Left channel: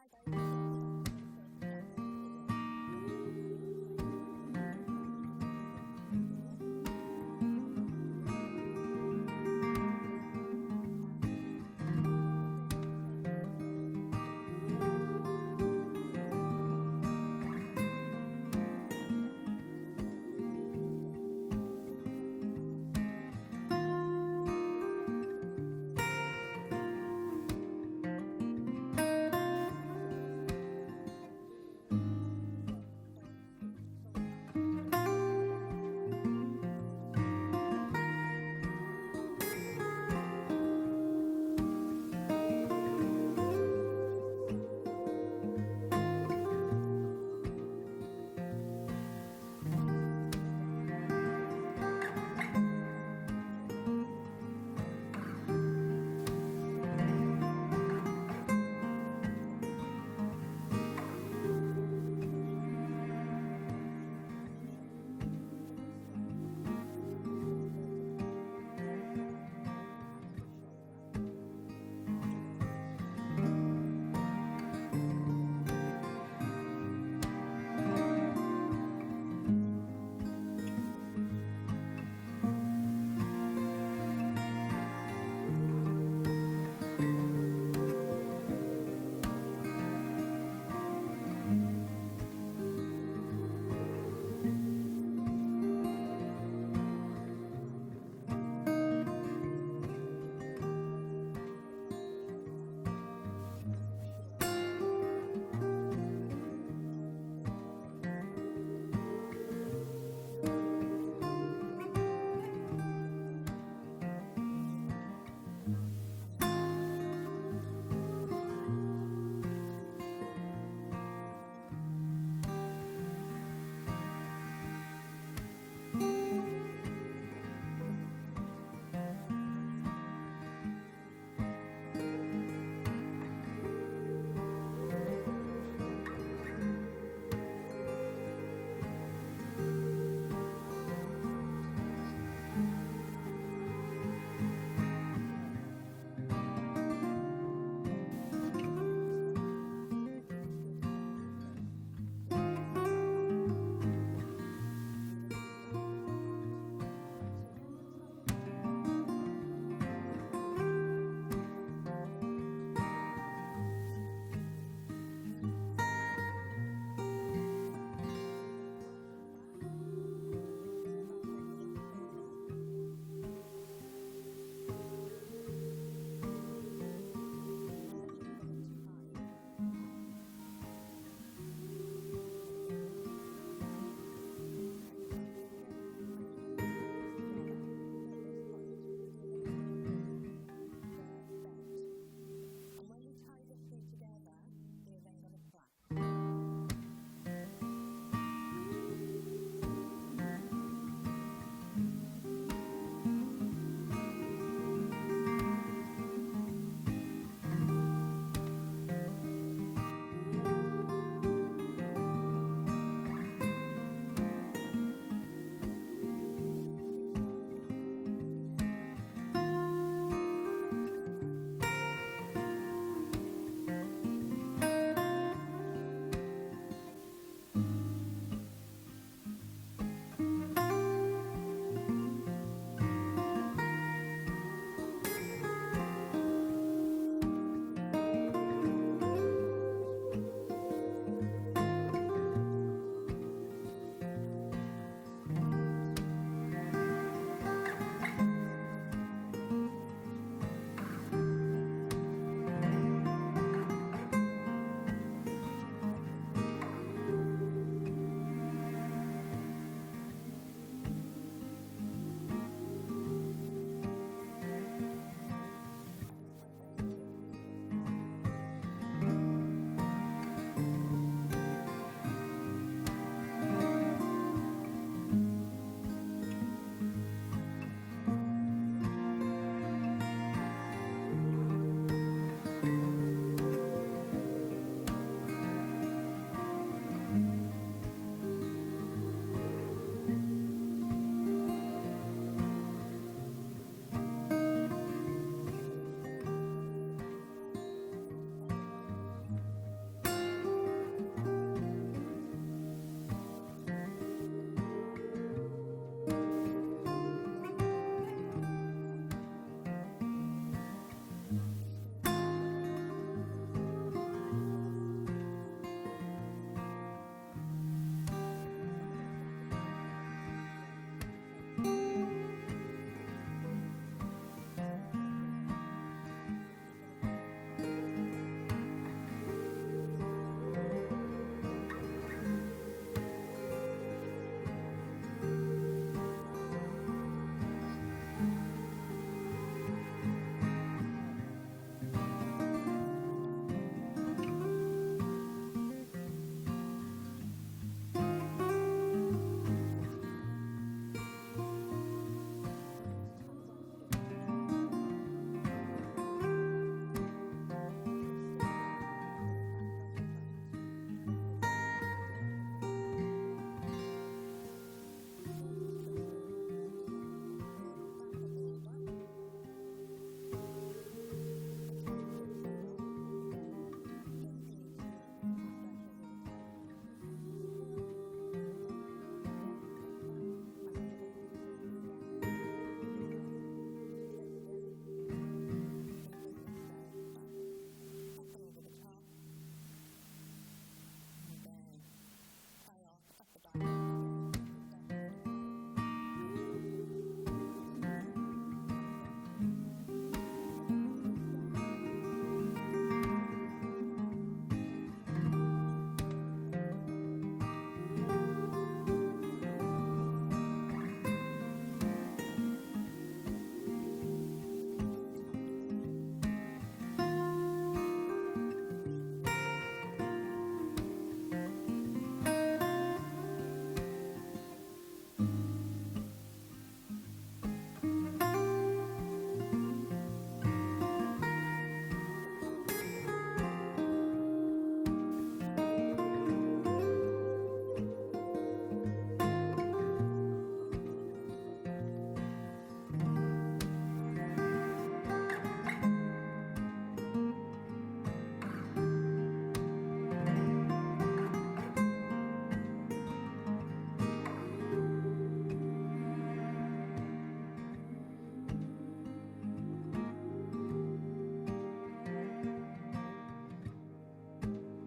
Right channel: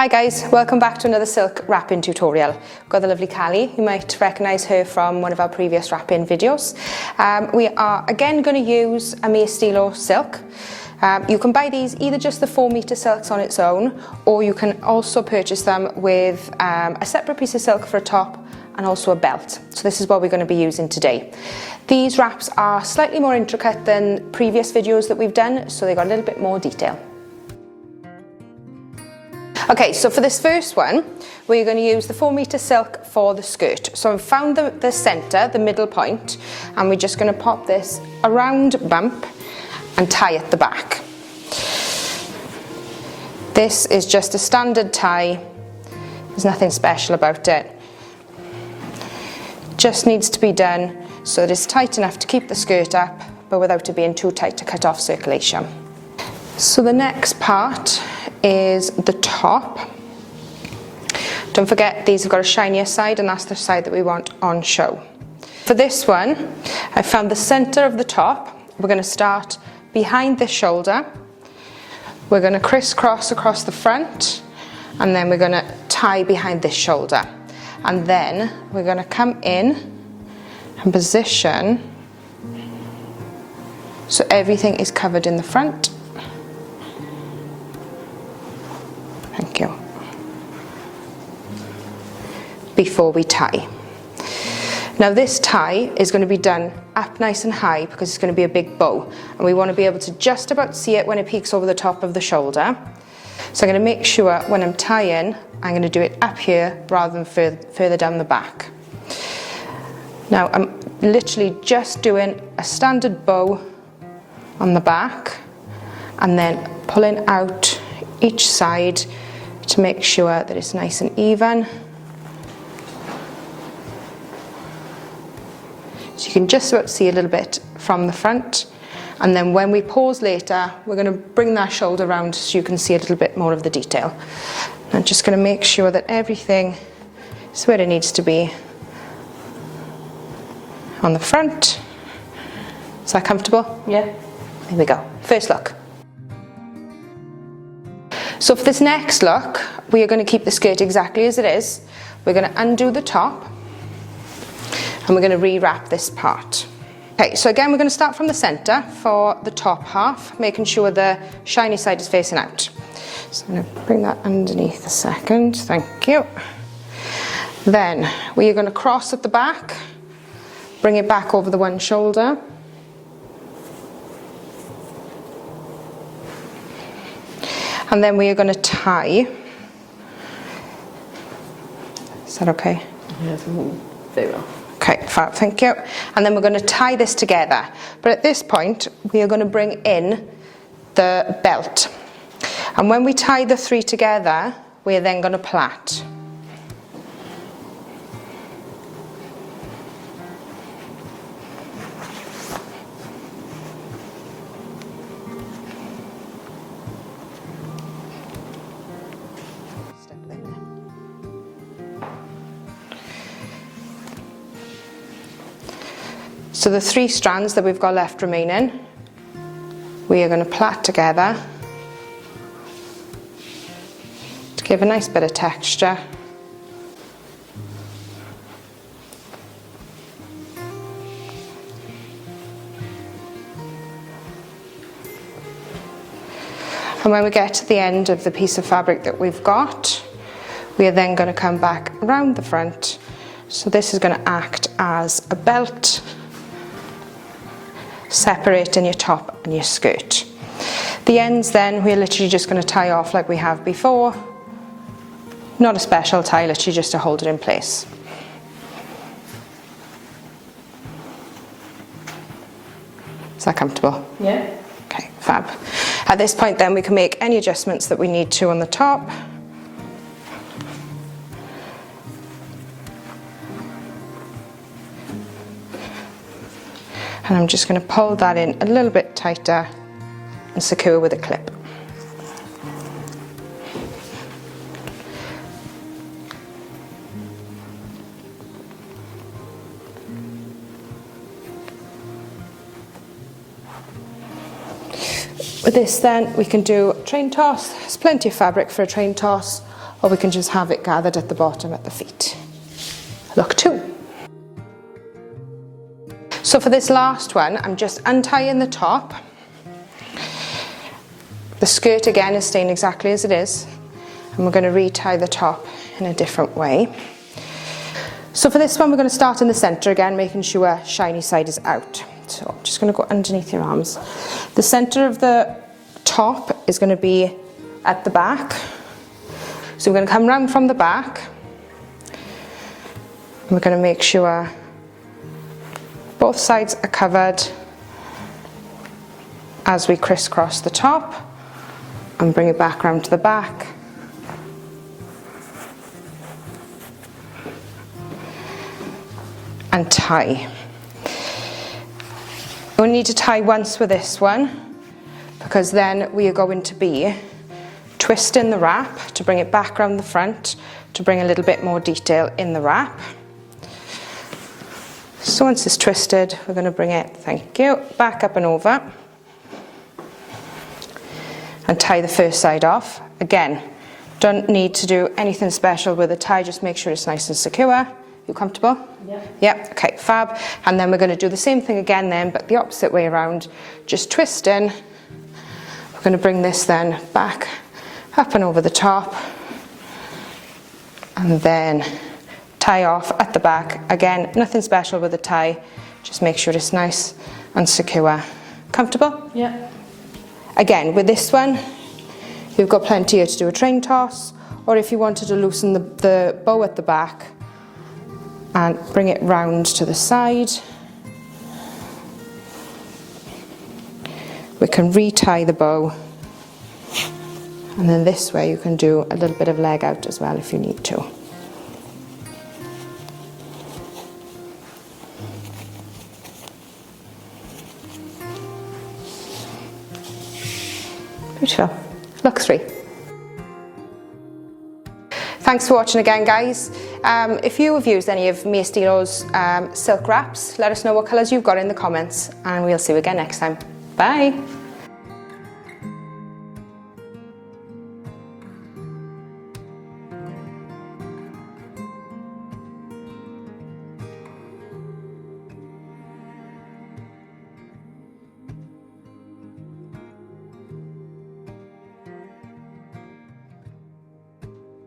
Hi guys, welcome back to another silk wrapping tutorial. We've got the lovely Callie. You might recognise her from one of our previous wrapping videos. We are again going to use a mere stilo silk. You can buy these either just the 4-metre silks on its own, or you can also purchase them with a separate piece of silk for a top and also a belt. So this is what we're going to be using today. These wraps are slightly more intricate than previous videos that we've done, so they've got a little bit more detail. Okay, so for this first one, we're going to use the 4-metre silk for the skirt. So I've found the centre, the middle point, and we're just going to pop this around bump and tie at the back. This is just a standard tie. There's nothing special about it. Just needs to be done so that it's tight enough to keep the skirt up, but without it being too tight to cut off circulation. So the next part is the top. Don't forget, these have got a shinier side, and that's the side that we want on show. For this one, I found the center of the top. We're going to start behind the shoulder. We're going to crisscross across the front, and then we're going to tie behind this shoulder. And then we're going to come in and position so everything is covered in the front. Thank you. Before we tie. Now this tie is going to be done up nice and high because it's going to be a big bow, and we want to be able to just about see it when it peeks over the top of the shoulder. So I'm going to make sure when I'm tying, I'm going to do it up here rather than further down the back. Now I'm literally just doing a standard bow on the back and then pulling out each side to make sure that it's nice and even. So you can just about see a little bit from the front, and then when we pause later, we're going to bring that shoulder round so you can see a little bit more of the detail. I'm just going to make sure that everything is where it needs to be on the front. Is that comfortable? Yeah. There we go. First look. So for this next look, we are going to keep the skirt exactly as it is. We're going to undo the top and we're going to re-wrap this part. Okay, so again, we're going to start from the centre for the top half, making sure the shiny side is facing out. So I'm going to bring that underneath a second, thank you. Then we are going to cross at the back, bring it back over the one shoulder. And then we are going to tie. Is that okay? Yes, very well. Okay, fab, thank you. And then we're going to tie this together. But at this point, we are going to bring in the belt. And when we tie the 3 together, we are then going to plait. So the 3 strands that we've got left remaining, we are going to plait together to give a nice bit of texture. And when we get to the end of the piece of fabric that we've got, we are then going to come back around the front. So this is going to act as a belt, separating your top and your skirt. The ends then, we're literally just going to tie off like we have before. Not a special tie, literally just to hold it in place. Is that comfortable? Yeah. Okay, fab. At this point then, we can make any adjustments that we need to on the top. And I'm just going to pull that in a little bit tighter and secure with a clip. With this then, we can do a train toss. There's plenty of fabric for a train toss, or we can just have it gathered at the bottom at the feet. Look 2. So for this last one, I'm just untying the top. The skirt again is staying exactly as it is, and we're going to retie the top in a different way. So for this one, we're going to start in the centre again, making sure shiny side is out. So I'm just going to go underneath your arms. The centre of the top is going to be at the back. So we're going to come round from the back. And we're going to make sure both sides are covered as we crisscross the top and bring it back round to the back. And tie. We'll need to tie once with this one, because then we are going to be twisting the wrap to bring it back around the front to bring a little bit more detail in the wrap. So once it's twisted, we're going to bring it, thank you, back up and over and tie the first side off. Again, don't need to do anything special with the tie, just make sure it's nice and secure. You comfortable? Yeah. Yeah, okay, fab. And then we're going to do the same thing again then, but the opposite way around, just twisting. We're going to bring this then back up and over the top, and then tie off at the back. Again, nothing special with the tie, just make sure it's nice and secure. Comfortable? Yeah. Again, with this one, you've got plenty here to do a train toss, or if you wanted to loosen the bow at the back and bring it round to the side, we can retie the bow, and then this way you can do a little bit of leg out as well if you need to. Beautiful. Look 3. Thanks for watching again, guys. If you have used any of Mia Stilo's silk wraps, let us know what colours you've got in the comments, and we'll see you again next time. Bye.